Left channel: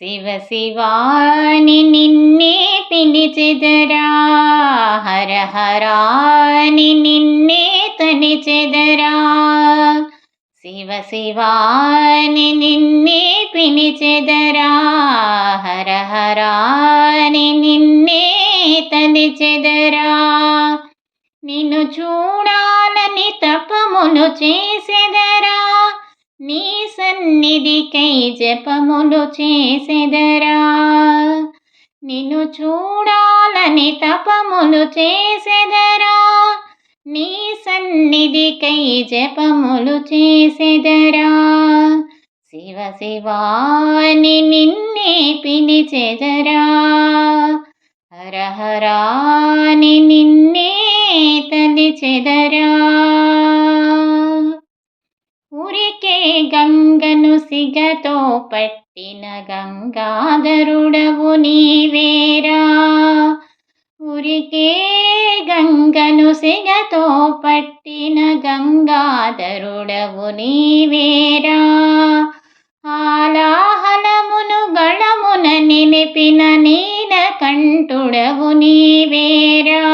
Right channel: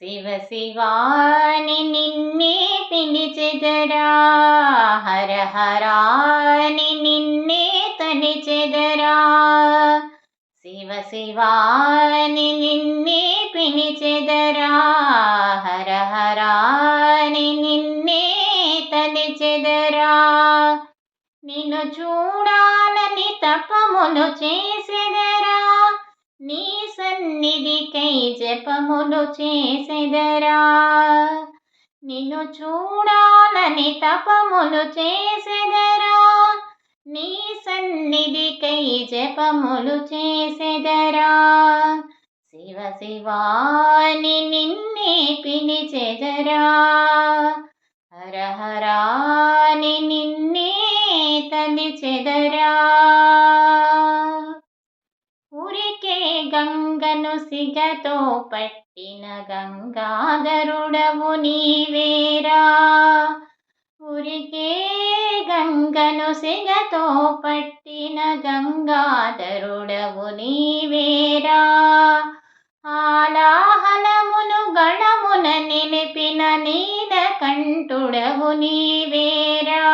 శివ శివాని నిన్నే పిలిచెదరా, హర హరాని నిన్నే తలిచెదరా. శివ శివాని నిన్నే పిలిచెదరా, హర హరాని నిన్నే తలిచెదరా. నిన్ను చూడాలని తపములు చేసెదరా, నీ సన్నిధికై జపములు చేసెదరా. నిన్ను చూడాలని తపములు చేసెదరా, నీ సన్నిధికై జపములు చేసెదరా. శివ శివాని నిన్నే పిలిచెదరా, హర హరాని నిన్నే తలిచెదరా. ఊరికే గంగను సిగతో పట్టిన గంగాధరుడవు నీవేరా. ఊరికే గంగను సిగతో పట్టిన గంగాధరుడవు నీవేరా. ఆలాహలమును గళమున నిలిపిన నీలకంఠుడవు నీవేరా.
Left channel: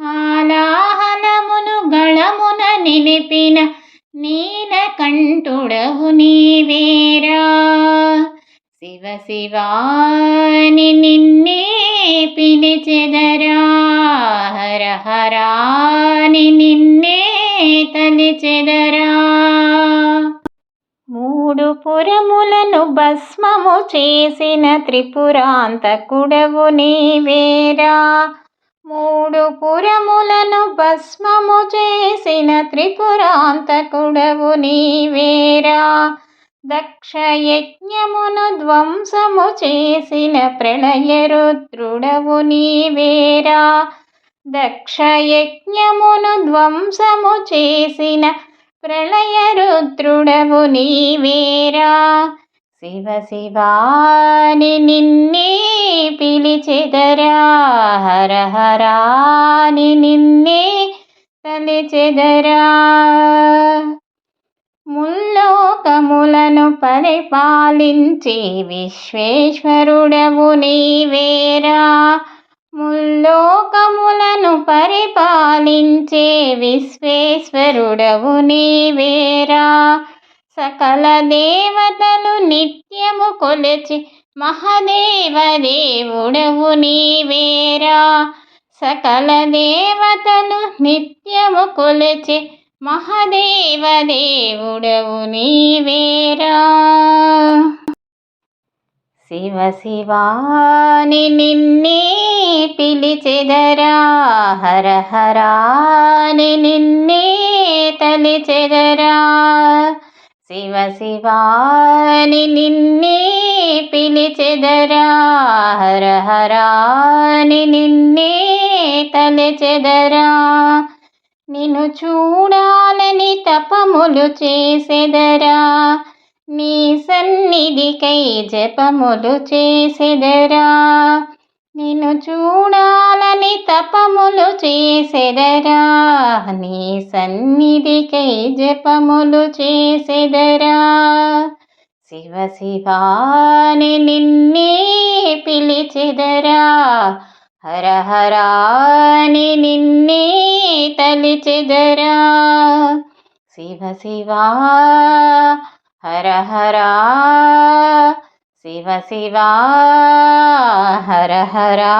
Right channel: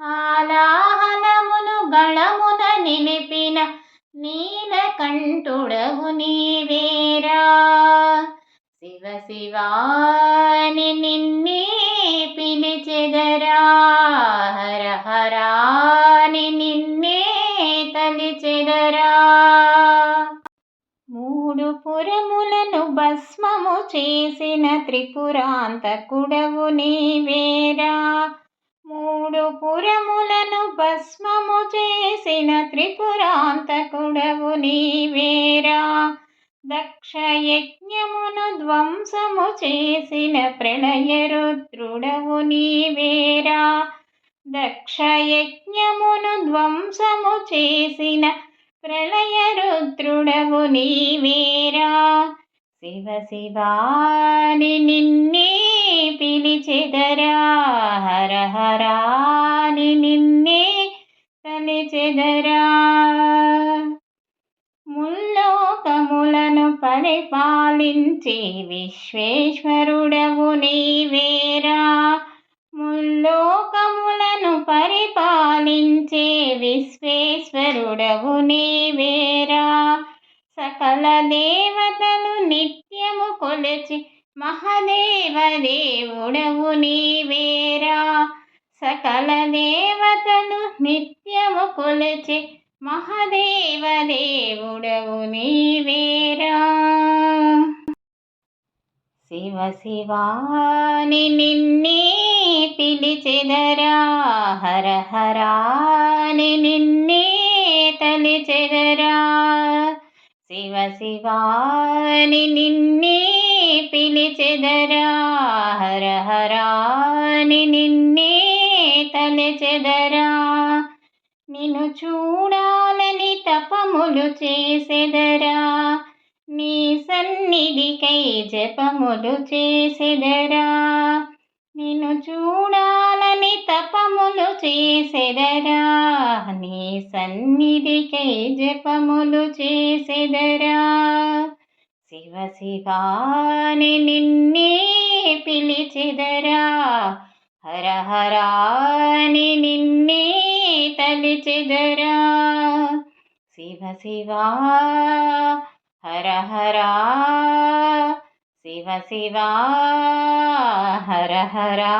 ఆలాహలమును గళమున నిలిపిన నీలకంఠుడవు నీవేరా. శివ శివాని నిన్నే పిలిచెదరా, హర హరాని నిన్నే తలిచెదరా. మూడు పురములను భస్మము చేసిన త్రిపురాంతకుడవు నీవేరా. మూడు పురములను భస్మము చేసిన త్రిపురాంతకుడవు నీవేరా. దక్షయజ్ఞమును ధ్వంసము చేసిన ప్రళయరుద్రుడవు నీవేరా. దక్షయజ్ఞమును ధ్వంసము చేసిన ప్రళయరుద్రుడవు నీవేరా. శివ శివాని నిన్నే పిలిచెదరా, హర హరాని నిన్నే తలిచెదరా. ముల్లోకములను పరిపాలించే విశ్వేశ్వరుడవు నీవేరా. ముల్లోకములను పరిపాలించే విశ్వేశ్వరుడవు నీవేరా. సకల దేవతలు నిత్యము కొలిచి మహదేవ దేవుడవు నీవేరా. సకల దేవతలు నిత్యము కొలిచి మహదేవ దేవుడవు నీవేరా. శివ శివాని నిన్నే పిలిచెదరా, హర హరాని నిన్నే తలిచెదరా. శివ శివాని నిన్నే పిలిచెదరా, హర హరాని నిన్నే తలిచెదరా. నిన్ను చూడాలని తపములు చేసెదరా, నీ సన్నిధికై జపములు చేసెదరా. నిన్ను చూడాలని తపములు చేసెదరా, నీ సన్నిధికై జపములు చేసెదరా. శివ శివాని నిన్నే పిలిచెదరా, హర హరాని నిన్నే తలిచెదరా. శివ శివా హర హరా, శివ శివా హర హరా.